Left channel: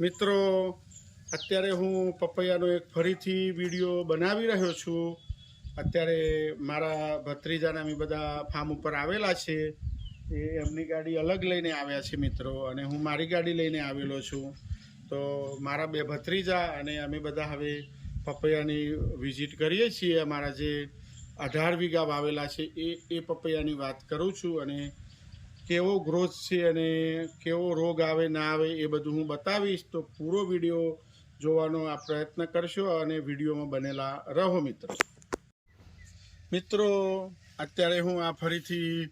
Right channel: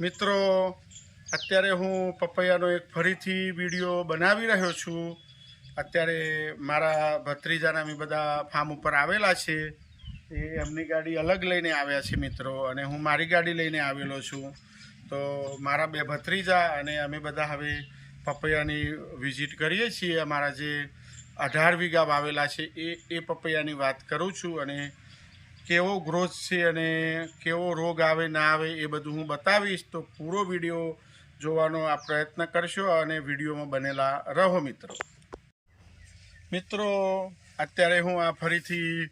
મિત્રો, અત્યારે હું પપૈયાનો એક ફરીથી વીડિયો બનાવી રહ્યો છું. અત્યારે મારા ભત્રીજાના અમે બધા ફાર્મ ઉપર આવેલા છે. એ એમની ગાડી અલગ લઈને આવ્યા છે મિત્રો અને હું મારી ગાડી લઈને આવેલો છું. તો મારા બે ભત્રીજા અને અમે બધા હવે પપૈયાની વિઝિટ કરીએ છીએ. અમારા જે અઢાર વીઘા વાવેલા છે એ એ પપૈયાની વાત કરું છું અને કેવો ગ્રોથ છે અને કેવો રોગ આવે, ના આવે એ બધું હું બતાવીશ. તો પૂરો વીડિયો જોવાનો આ પ્રયત્ન કરશો અને વિડીયોમાં બનેલા રહો મિત્રો. મિત્રો, અત્યારે હું આ ફરીથી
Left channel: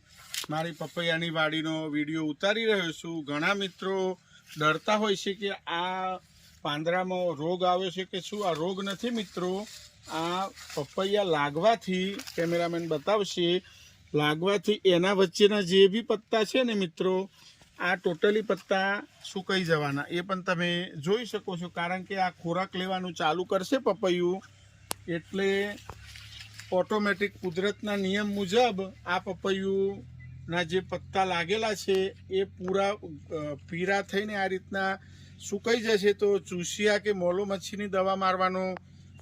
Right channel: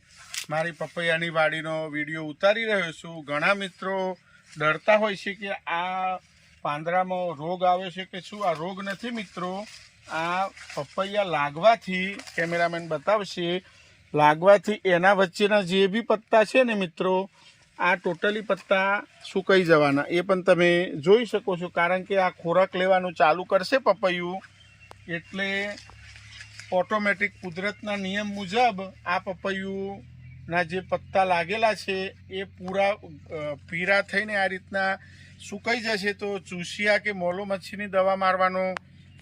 મારી પપૈયાની વાડીનો વીડિયો ઉતારી રહ્યો છું. ઘણા મિત્રો ડરતા હોય છે કે આ પાંદડામાં રોગ આવે છે કે શું? આ રોગ નથી મિત્રો. આ પપૈયા લાગવાથી કેમેરામેન બતાવશે લાગવાથી એના વચ્ચેના જે બી પત્તા છે ને મિત્રો, આ ટોટલી પત્તા સુકાઈ જવાના. એ પણ તમે જોઈ શકો છો, કારણ કે આ ખોરાક લેવાનું ચાલુ કરશે પપૈયું. એટલે ઓટોમેટિક કુદરતના નિયમ મુજબ આ પપૈયુંના જે પત્તા લાગેલા છે, એ પૂરા પીરા થઈને આ રીતના સુકાઈ જશે. તો ચૂસિયા કે મોલો મચ્છીની દવા મારવાનો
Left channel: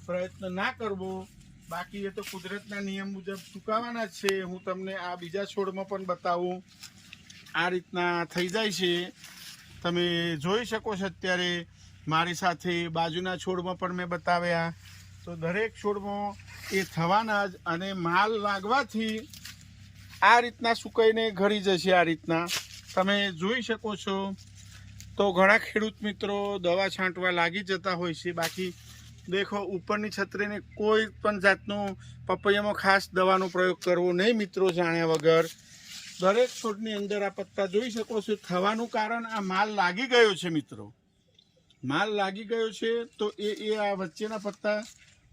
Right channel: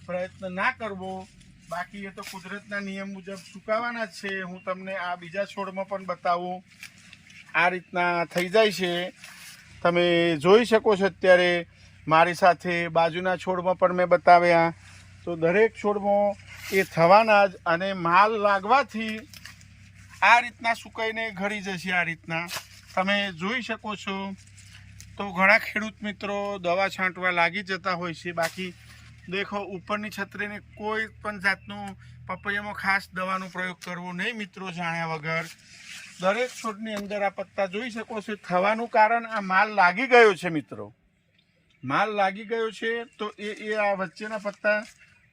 પ્રયત્ન ના કરવો. બાકી એ તો કુદરતના નિયમ મુજબ સુકાવાના છે. હું તમને આ બીજા છોડમાં પણ બતાવું. આ રીતના થઈ જાય છે. તમે જોઈ શકો છો અત્યારે મારી સાથે બાજુના છોડમાં પણ મેં બતાવ્યા. તો દરેક છોડમાં એ થવાના જ અને માલ લાગવાથી આ રીતના સુકાઈને ઘડી જશે આ રીતના. તમે જોઈ શકો છો. તો ઘણા ખેડૂત મિત્રો દવા છાંટવા લાગી જતા હોય છે. બાકી દેખો, ઉપરની છત્રીને કોઈ પણ જાતનું પપૈયામાં ખાસ દવાનો પ્રયોગ કરવો નહીં, મિત્રો જાણ્યા વગર. દરેક છોડની અંદર આ પત્તા જોઈ શકો છો થવાનું કારણ આ માલ લાગી ગયો છે, મિત્રો. માલ લાગી ગયો છે, તો એ એ આ વચ્ચેના પત્તા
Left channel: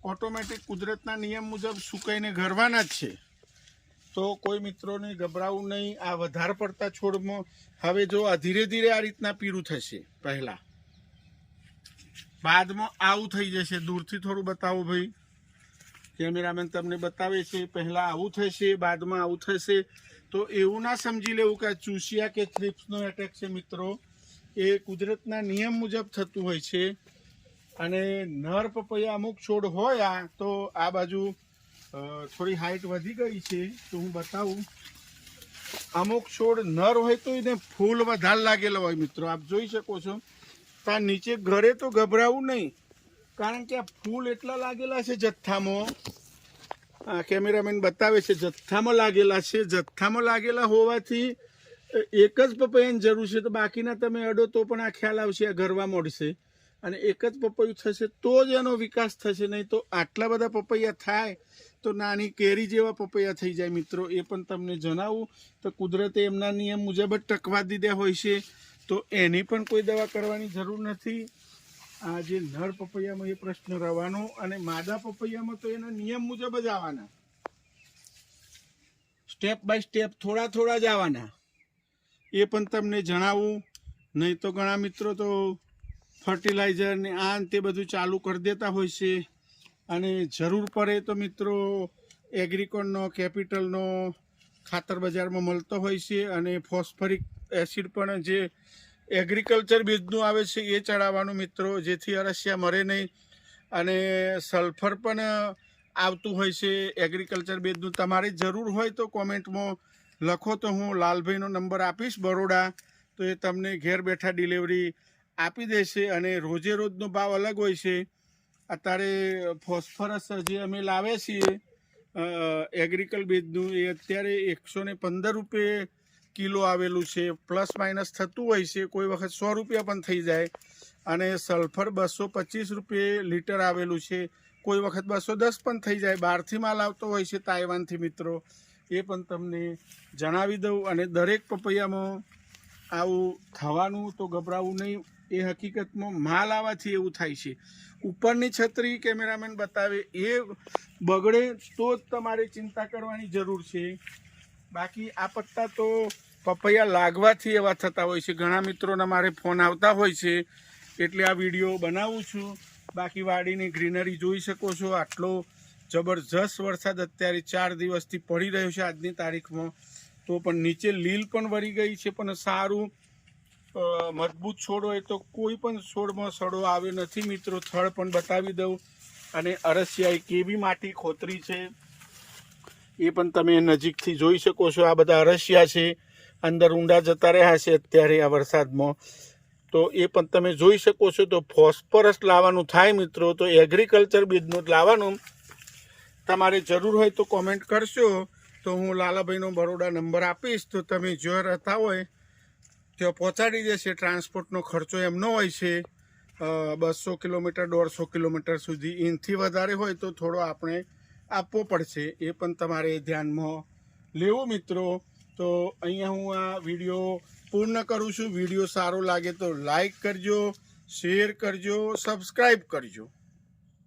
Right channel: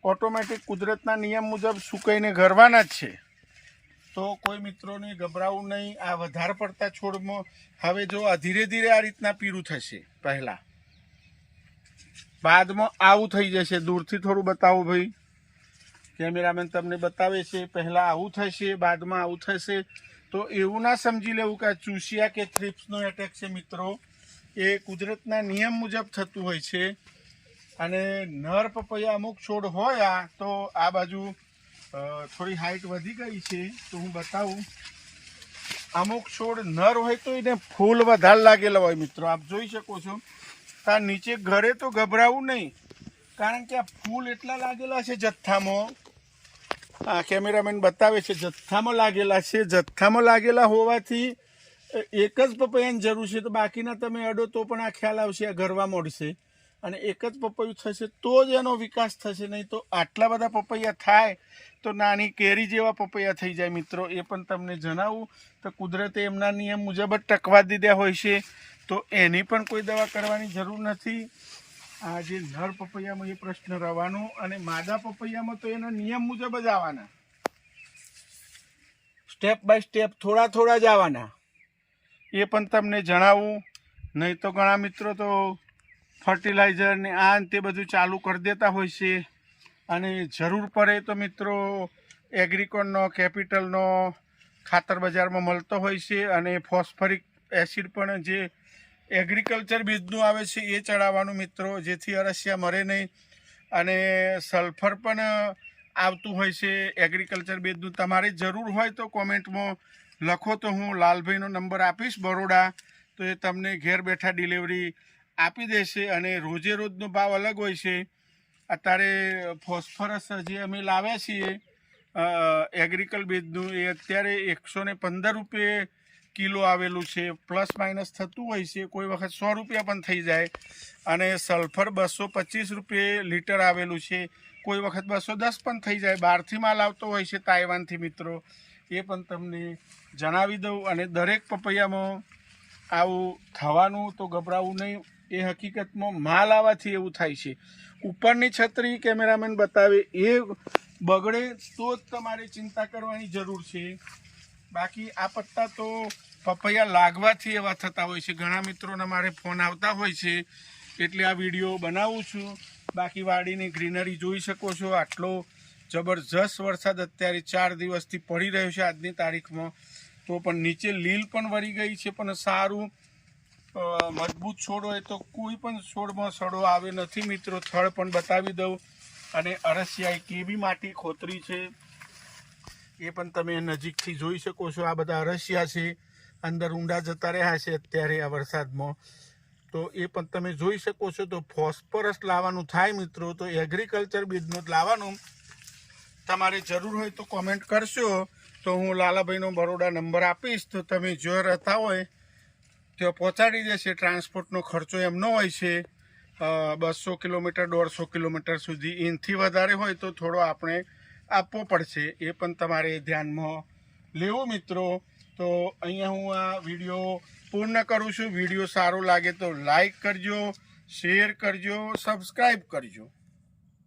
ઓટોમેટિક કુદરતના નિયમ મુજબ સુકાઈને ઘરવાના જ છે. તો કોઈ મિત્રોને ગભરાવું નહીં, આ વધારે પડતા છોડમાં હવે જો આ ધીરે ધીરે આ રીતના પીરું થશે પહેલાં. બાદમાં આવું થઈ જશે. દૂરથી થોડું બતાવો ભાઈ. કેમેરામેન તમને બતાવે છે. પહેલાં આવું થશે, બાદમાં આવું થશે. તો એવું ના સમજી લેવું કે ચૂસિયા કે થ્રિપ્સનો એટેક છે મિત્રો. એ કુદરતના નિયમ મુજબ થતું હોય છે. અને નર પપૈયા અમુક છોડ હોય તો આ બાજુ થોડી હાઈટ વધી ગઈ છે. તો હું બતાવું. અમુક છોડ નર હોય તો એને ફૂલ વધારે લાગેલા હોય મિત્રો. આપ જોઈ શકો છો. ત્યાં નીચે ઘરે તો ગભરાવું નહીં. કારણ કે આ ફૂલ એટલા લાગેલા છે જથ્થામાં. આ કેમેરામેન બતાવે છે જથ્થામાં લાગેલા છે. જથ્થામાં લાગેલા હોવાથી એક જ પપૈયાની જરૂર છે. તો બાકીના તમે અડો તો પણ આ ખ્યાલ આવશે, આ ઘરવા મળશે. અને એક જ પપૈયું થશે તો જ એનો વિકાસ થશે. નહીં તો આટલા બધા પપૈયા થાય તો નાની કેરી જેવા પપૈયા થઈ જાય. મિત્રો, એ પણ તમને જણાવું. તો કુદરતે એમના નિયમ મુજબ જ ટકવા દીધા હોય છે. તો એની પણ કોઈ દવા કરવાની જરૂર નથી. આ જે નર પપૈયામાં એ પ્રશ્ન રહેવાનો અને માદા પપૈયામાં તો એના નિયમ મુજબ જ આવવાના. સ્ટેપ બાય સ્ટેપ થોડા થોડા જ આવવાના. એ પણ તમને જણાવું. નહીં તો ઘણા મિત્રો તો ફર્ટિલાઇઝર ને આ તે બધું ચાલુ કરી દેતા હોય છે. અને જરૂર પડે તો મિત્રો એગ્રીકોનનો કેપિટલનો ખાતર બજારમાં મળતો હોય છે અને ફોસ્ફરિક એસિડ પણ જે એગ્રીકલ્ચર બીજનું આવે છે, એ ચડાવવાનું મિત્રો. જેથી અરસિયા મરે નહીં. અને સલ્ફર પણ આવતું હોય છે એગ્રીકલ્ચર બેઝનું તમારે જરૂર હોય તો કોમેન્ટમાં લખો તો હું લાલભાઈનો નંબર આપીશ, બરોડા. તો એ તમને ઘેર બેઠા ડિલિવરી આપી દેશે અને રોજે રોજનો ભાવ અલગ હોય છે. અત્યારે ફોસ્ફરસ જે અમે લાવ્યા છીએ એગ્રીકલ બેઝનું એ અત્યારે એકસો ને પંદર રૂપિયે કિલો આવેલું છે, પ્લસ માઇનસ થતું હોય છે, કોઈ વખત સો રૂપિયા પણ થઈ જાય. અને સલ્ફર બસો પચીસ રૂપિયે લીટર આવેલું છે, કોઈ વખત બસો દસ પણ થઈ જાય. બહારથી માલ આવતો હોય છે તાઇવાનથી મિત્રો. એ પણ તમને જણાવી દઉં અને દરેક પપૈયામાં આવું થવાનું તો ગભરાવું નહીં. એ હકીકતમાં માલ આવવાથી એવું થાય છે. ઉપરની છત્રી કેમેરામેન બતાવે એ બગડે તો જ તમારે ચિંતા કરવાની જરૂર છે. બાકી આ પત્તા તો પપૈયા લાગવાથી એવા થતા હોય છે. ઘણા મિત્રોના મારે ફોન આવતા હોય છે, એટલે આ વીડિયો બનાવું છું. બાકી વાડીની ગ્રીનરી જોઈ શકો છો. આટલો જબરજસ્ત વરસાદ અત્યારે ચાર દિવસથી પડી રહ્યો છે આજની તારીખમાં. તો પણ નીચે લીલ પણ વળી ગઈ છે, પણ સારું મજબૂત છોડ હોય તો કોઈ પણ છોડમાં સડો આવે નથી મિત્રો. થળ પણ બતાવી દઉં. અને અરસિયાએ કેવી માટી ખોતરી છે, એ પણ તમે નજીકથી જોઈ શકો છો. આ બધા અરસિયા છે. અંદર ઊંડા જતા રહ્યા છે અત્યારે આ વરસાદમાં. તો એ પણ તમે જોઈ શકો છો, તો ફોસ્ફરસ લાવવાનું થાય મિત્રો, તો એગ્રીકલ્ચર બિઝનેસ લાવવાનું. તમારે જરૂર હોય તો કોમેન્ટ કરશો. તો હું લાલાભાઈનો બરોડા નંબર આપીશ, તો તમે જો રહેતા હોય, ત્યાં પહોંચાડી દેશે. ટ્રાન્સપોર્ટનો ખર્ચો એમનો હોય છે. બસો કિલોમીટર, દોઢસો કિલોમીટર સુધી એનથી વધારે હોય તો થોડો આપણે આપવો પડશે. એ પણ તમારે ધ્યાનમાં લેવું મિત્રો. તો અહીંયા હું આ વીડિયો પૂર્ણ કરું છું. વીડિયો સારો લાગે તો લાઈક કરજો, શેર કરજો સબસ્ક્રાઈબ કરજો.